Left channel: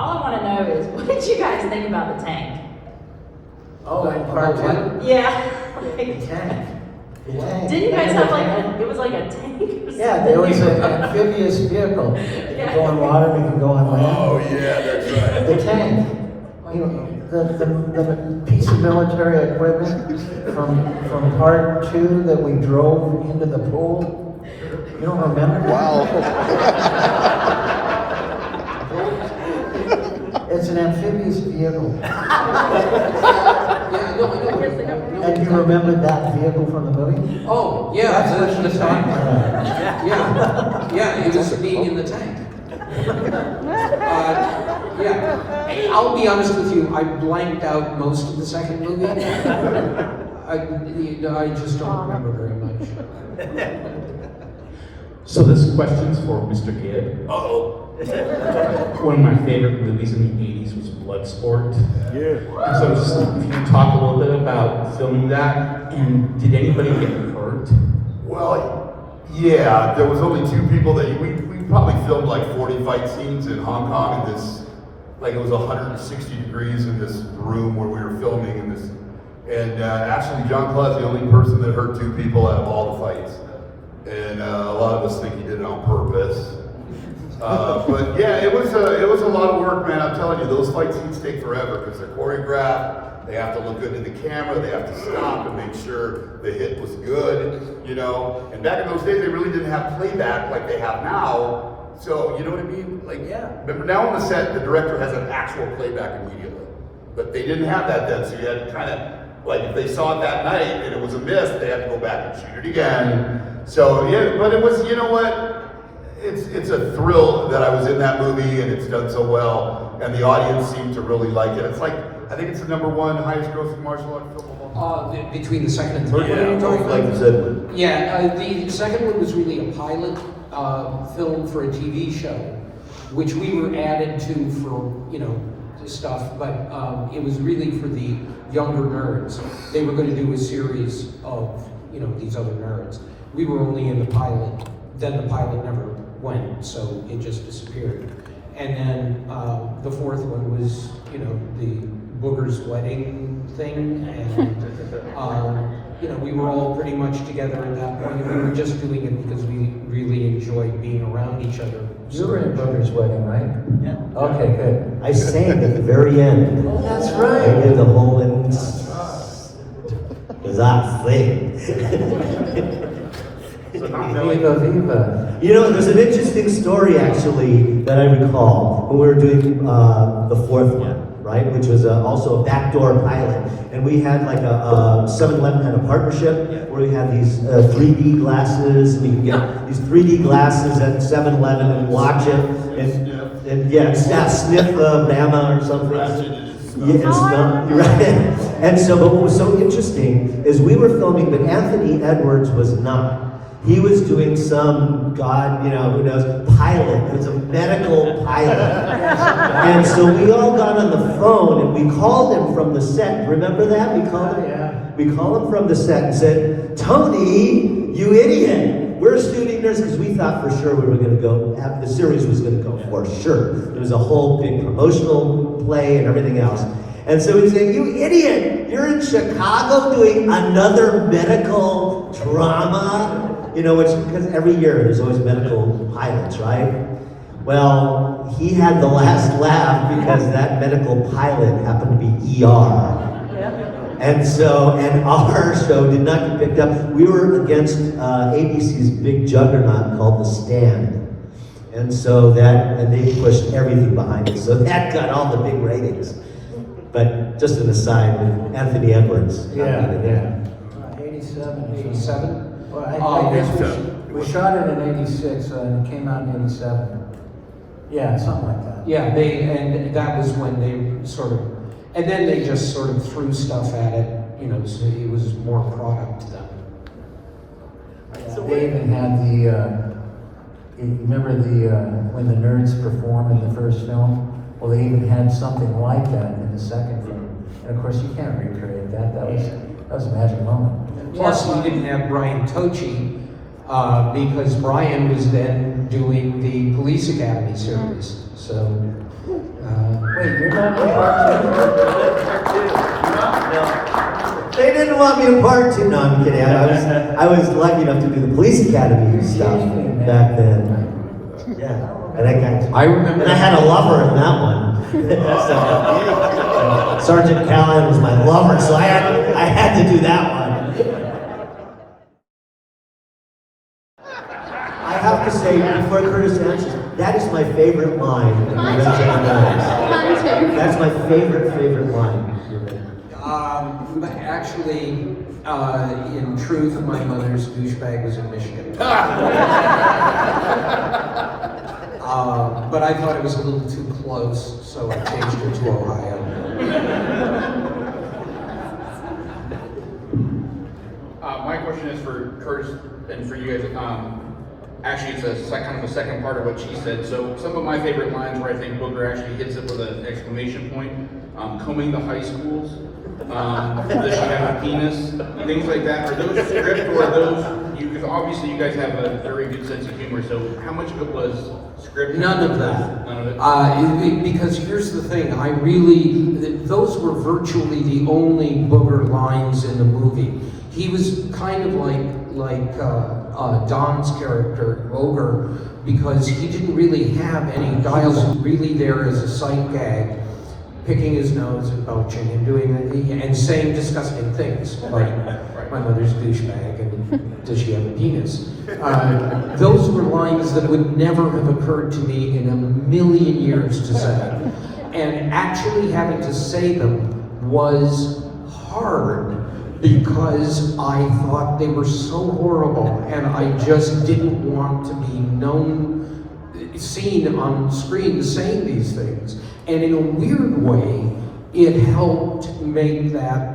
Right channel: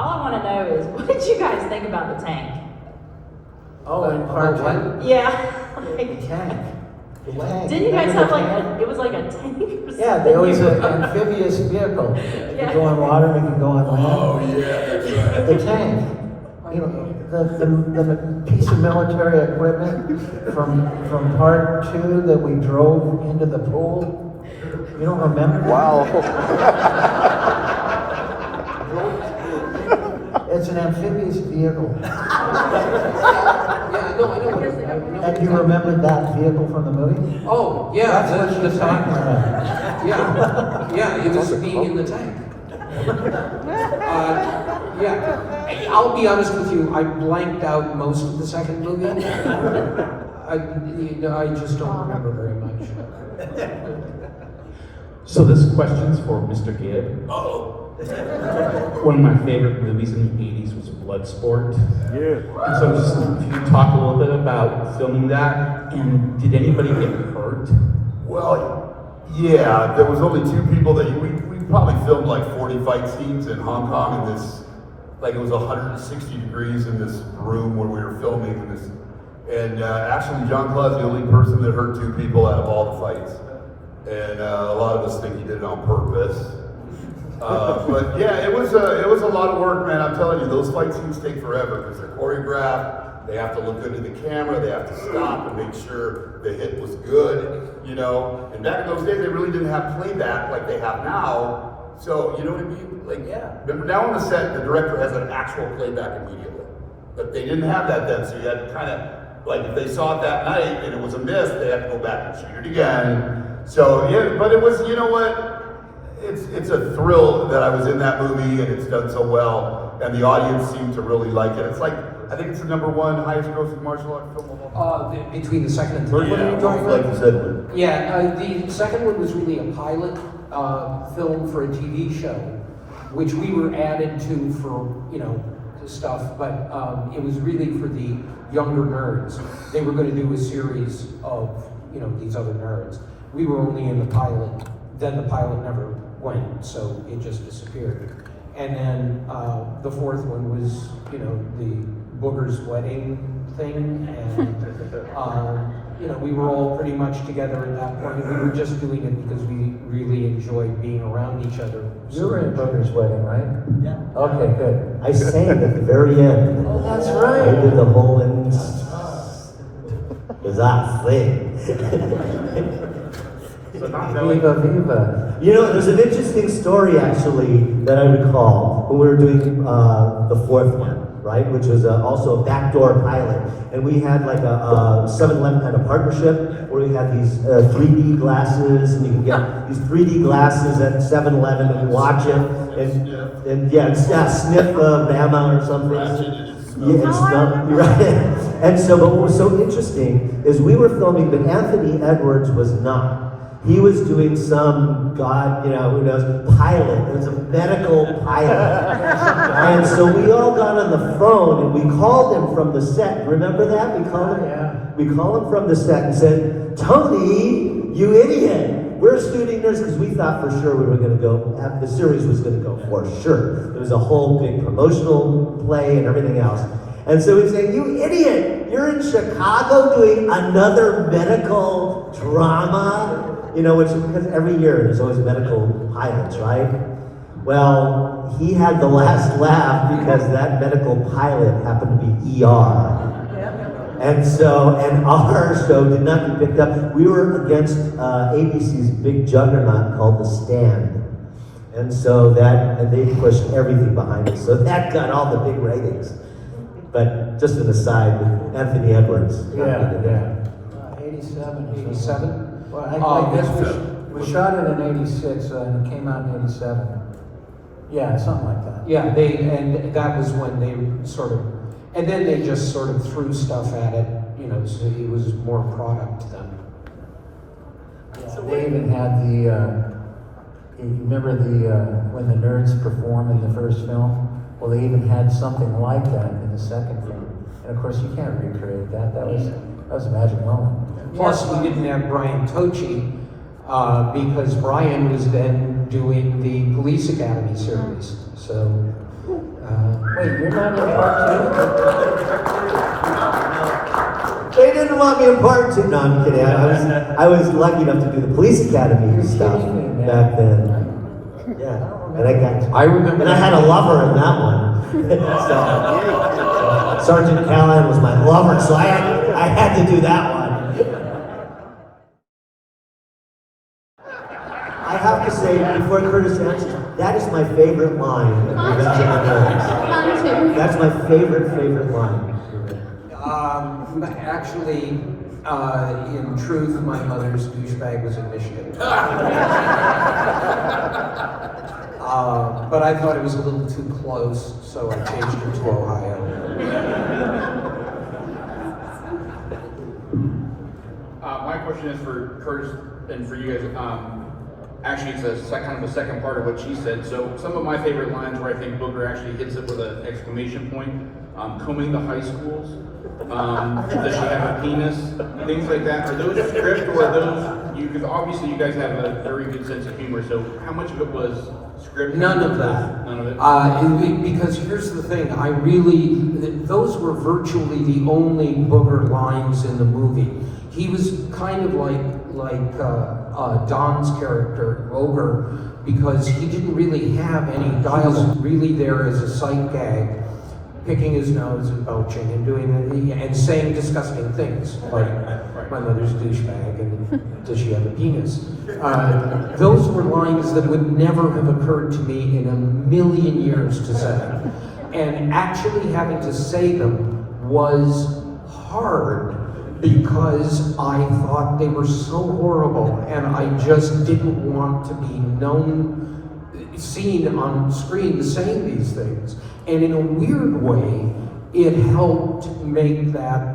all I wanna know is, what did you guys think about the tank? Oh, and part two. Yeah. The tank. The wagon. Didn't you guys have like it was like a tank or something? Yeah, it was an amphibious vehicle. It Yeah. could go on water, it could go on land. Oh, yeah, that's right. The tank. You know, the piece of military equipment from part two that we drove into the pool. You don't remember? Wow. It's an amphibious vehicle. And you remember that vehicle from the movie? Oh, yeah, That's that's what the she's tank. talking about. Yeah, it was being in the tank. Yeah, I'll be honest with you, I blanked out most of the second movie. I just don't remember very much. So this question's for Mr. Gibb. Uh-oh. One of my favorite movies in the 80s was Bloodsport. Yeah. So if you can talk a little bit about filming that, and did anybody get hurt? Well, yeah, there was only two people that we probably filmed like 40 fight scenes in Hong Kong in this, like it was 160 degrees in this room where we were filming in this. And actually John Claude's the only person that hurt two people out of all the fights. And a lot of us think he did it on purpose. But yeah, it was a lot of work, man. I'm telling you, those fight scenes take forever because they're choreographed. They have to look good to the camera. They have to stop and make sure the hit was good, you know. And back in those days, they really didn't have playback like they have now. So you know what I mean? Like, yeah. Remember now on the set, the director has an actual playback immediately, but they didn't have that then. So you had to kind of like if they saw it that night and it was a miss, they had to go back and shoot it again. So yeah, but it was, you know what? It's a thrill that I was in that movie and it's done so well, and the audience seemed to really like it. It's like, I think it's the #1 highest grossing martial art film of all time. Between the second and third. Yeah, one. like the second one. Yeah, the second one was really a pilot film for a TV show, which we were added to for, you know, stuff, but it was really for the younger nerds. They were going to do a series of, you know, these other nerds. We were only in the pilot. Then the pilot never went, so it just disappeared. And then the fourth one was, you know, the Booger's wedding thing, and you know, we were all pretty much together at that point. We were just doing it because we really enjoyed being around each other. You were at Booger's wedding, right? Yeah. Okay, good. I sang at the very end. Oh, that's I right. did the whole end. Is that thing? Viva, viva. You know, there's an interesting story actually that I recall when we were doing the fourth one, right? Which was also a backdoor pilot. And we had like a 7-Eleven had a partnership where we had these 3D glasses, and you could get these 3D glasses at 7-Eleven and watch it. And yeah, sniff Rama or something. Yeah, right. And so what was so interesting is we were filming, but Anthony Edwards was not. He was doing some, God, you know, who knows, pilot. It was a medical pilot. And so we all got on the phone and we called him from the set. Remember that? We called him? Yeah. We called him from the set and said, Tony, you idiot. We're shooting this because we thought for sure we were going to go, the series was going to go for sure. It was a whole big promotional play and everything else. And so we said, you idiot, you're in Chicago doing another medical drama? You know, it's because every year there's always medical pilots, right? Well, he had the last laugh because that medical pilot happened to be ER. And so, and our show did not get picked up. We were against ABC's big juggernaut called The Stand. And so and they pushed everything behind it. So that got all the big ratings. But just an aside, with Anthony Edwards. Yeah. 87. 87? Well, we shot it in 86 and it came out in 87. Yeah, something like that. Yeah, and that was when they sort of, and then they just sort of threw stuff at it, you know, so it was more product than. Yeah, they even had you remember when the nerds performed in the first film? Well, they even had something like that in the second film. And of course, you can't recreate that. That was a magic moment. Plus, we didn't have Brian Tochi, because Brian was then doing the Police Academy series. So Wait, you're not in part two? No. They didn't want me in part two. No, I'm kidding. I was lucky enough to do the police academy stuff back then. Yeah. And I remember. And I had a lover in that one. Sergeant Callahan was my lover, so I had to do that one. I have to say, before Curtis answers, that is my favorite line in the That's my favorite line. Actually, in truth, my mother's douchebag was in Michigan. But I thought it was a little too close, so I changed it to Ohio. My question is for Curtis and for you guys. Actually, it's kind of the second part of what she said. So some of my favorite lines where I think Booker actually hits it with an exclamation point. Coming to high schools. Does she have a penis? Things like that. Are those scripted or are those? Because obviously you guys have a very good sense of humor. So how much of it was scripted? None of that. None of it. Because here's the thing, those were virtually the only Booger lines in the movie. He was kind of like Don's character, Booger, because he didn't really have any dialogue really there as a sight gag, picking his nose and belching and doing and saying disgusting things, like my mother's douchebag and does she have a penis? Those were lines that would never have occurred to me in a million years to say. And actually having to say them was hard because I thought they were so horrible and I just didn't want to be seen on screen saying these things. And in a weird way, it helped make that,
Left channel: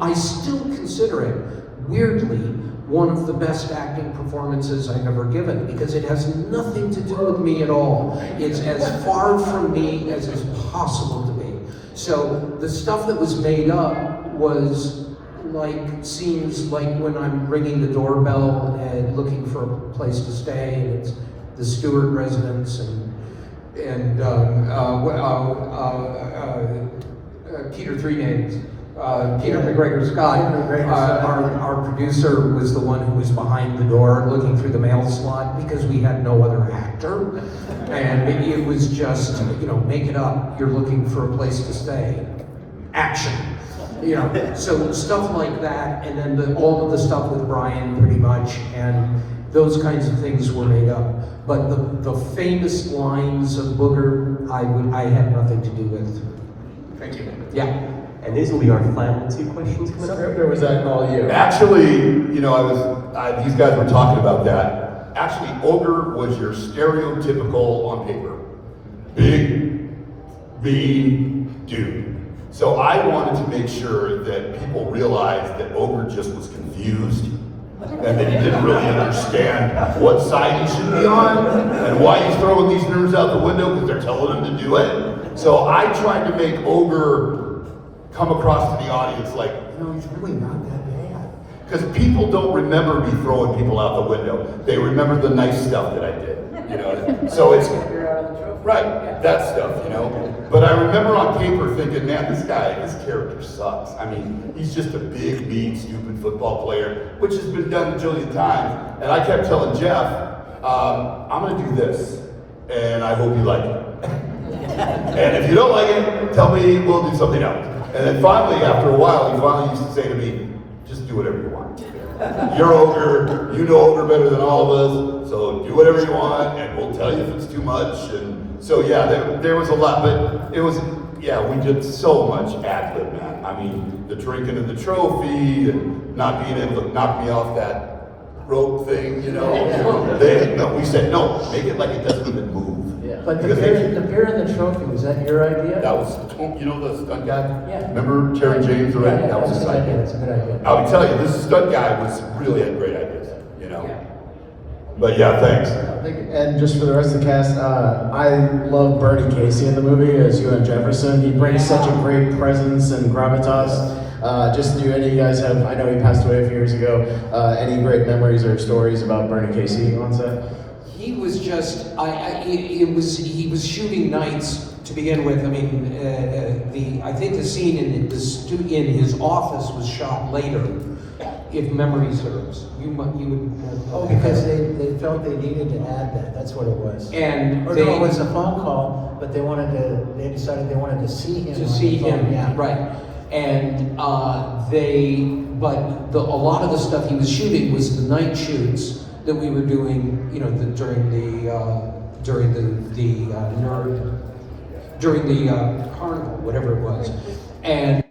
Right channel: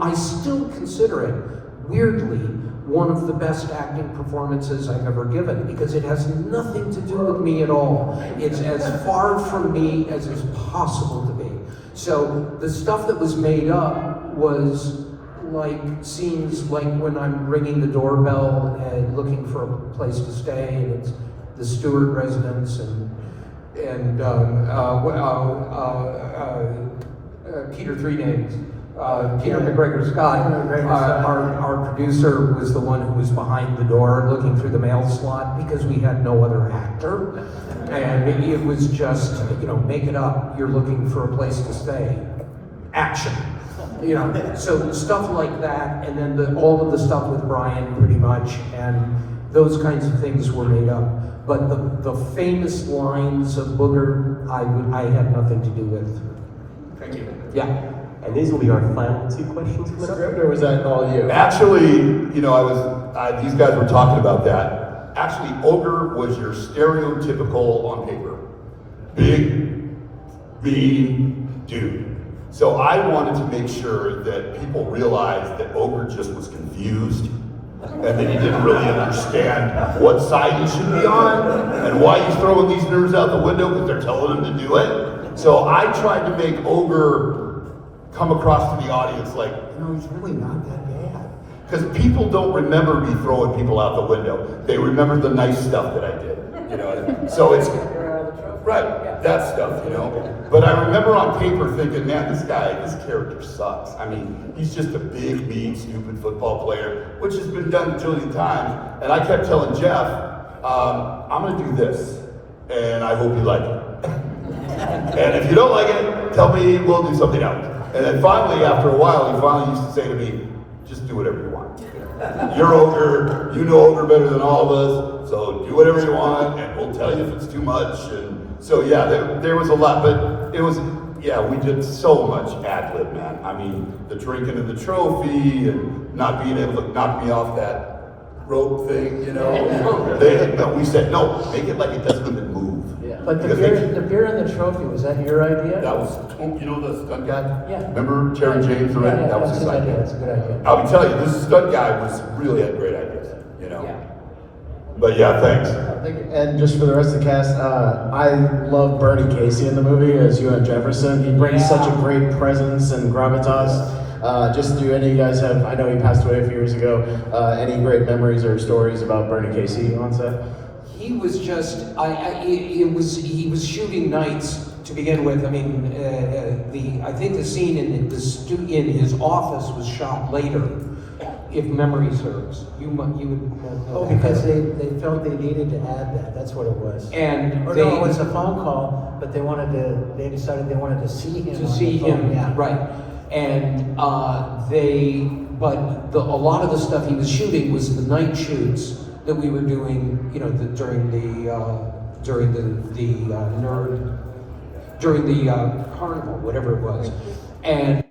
I still consider it, weirdly, one of the best acting performances I've ever given, because it has nothing to do with me at all. It's as far from me as is possible to be. So the stuff that was made up was like scenes like when I'm ringing the doorbell and looking for a place to stay, and it's the Stewart residence, and Peter Three Names, Peter McGregor Scott, our producer was the one who was behind the door looking through the mail slot because we had no other actor, and it was just, make it up, you're looking for a place to stay, action. So stuff like that, and then all of the stuff with Brian, pretty much, and those kinds of things were made up. But the famous lines of Booger, I had nothing to do with. Thank you. Yeah. And these will be our final two questions. Or was that all you? Actually, these guys were talking about that. Actually, Ogre was your stereotypical on paper. Big, mean dude. So I wanted to make sure that people realized that Ogre just was confused and that he didn't really understand what side he should be on and why he's throwing these nerves out the window because they're telling him to do it. So I tried to make Ogre come across to the audience like, he's really not that bad. Because people don't remember me throwing people out the window. They remember the nice stuff that I did. So it's right, that stuff, But I remember on paper thinking, man, this character sucks. I mean, he's just a big, mean, stupid football player, which has been done a jillion times. And I kept telling Jeff, I'm gonna do this, and I hope you like it. And if you don't like it, tell me, we'll do something else. And then finally, after a while, he finally used to say to me, just do whatever you want. You're Ogre, you know Ogre better than all of us, so do whatever you want, and we'll tell you if it's too much. And so yeah, there was a lot, but it was, we did so much ad-lib, man. I mean, the drinking and the trophy, and not being able to knock me off that rope thing, we said, no, make it like it doesn't even move. But the beer and the trophy, was that your idea? That was, the stunt guy? Yeah. Remember Terry James? Yeah, That was his idea. That's a good idea. I'll tell you, this stunt guy really had great ideas, Yeah. But yeah, thanks. And just for the rest of the cast, I love Bernie Casey in the movie as U.M. Jefferson. He brings such a great presence and gravitas. Just do any of you guys have, I know he passed away a few years ago, any great memories or stories about Bernie Casey on set? He was just, he was shooting nights to begin with, I mean, I think the scene in his office was shot later, if memory serves. You. Oh, because they felt they needed to add that, that's what it was. And Or they. no, it was a phone call, but they decided they wanted to see him. To see him, Yeah. right. And a lot of the stuff he was shooting was the night shoots that we were doing, you know, during the carnival, whatever it was. And